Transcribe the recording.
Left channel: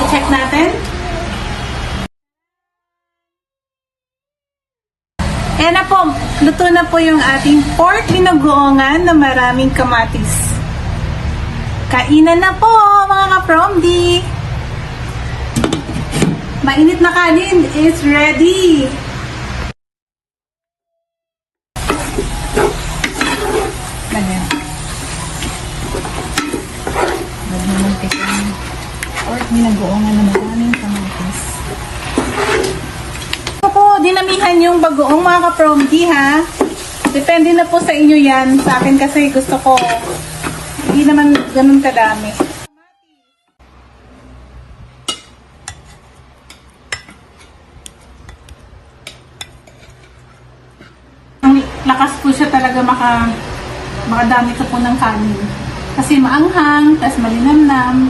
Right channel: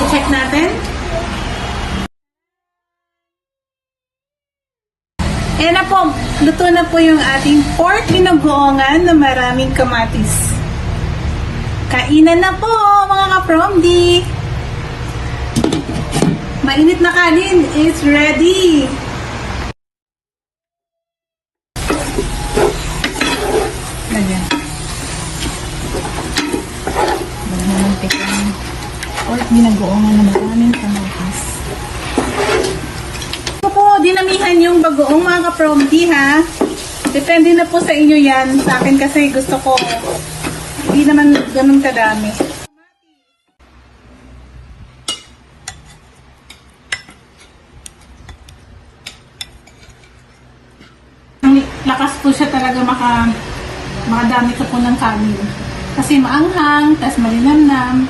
I-check natin. Ayan na po, luto na po yung ating pork binugoongan na maraming kamatis. Kainan na po mga ka-Promdi! Mainit na kanin is ready! Ayan. Pork binugoongan na maraming kamatis. Dinamihan yung bagoong mga ka-Promdi ha. Depende na po sa inyo yan. Sa akin kasi gusto ko hindi naman ganun kadami. Ang lakas po siya talaga makadami ka po ng kanin. Kasi maanghang, tas malinamnam.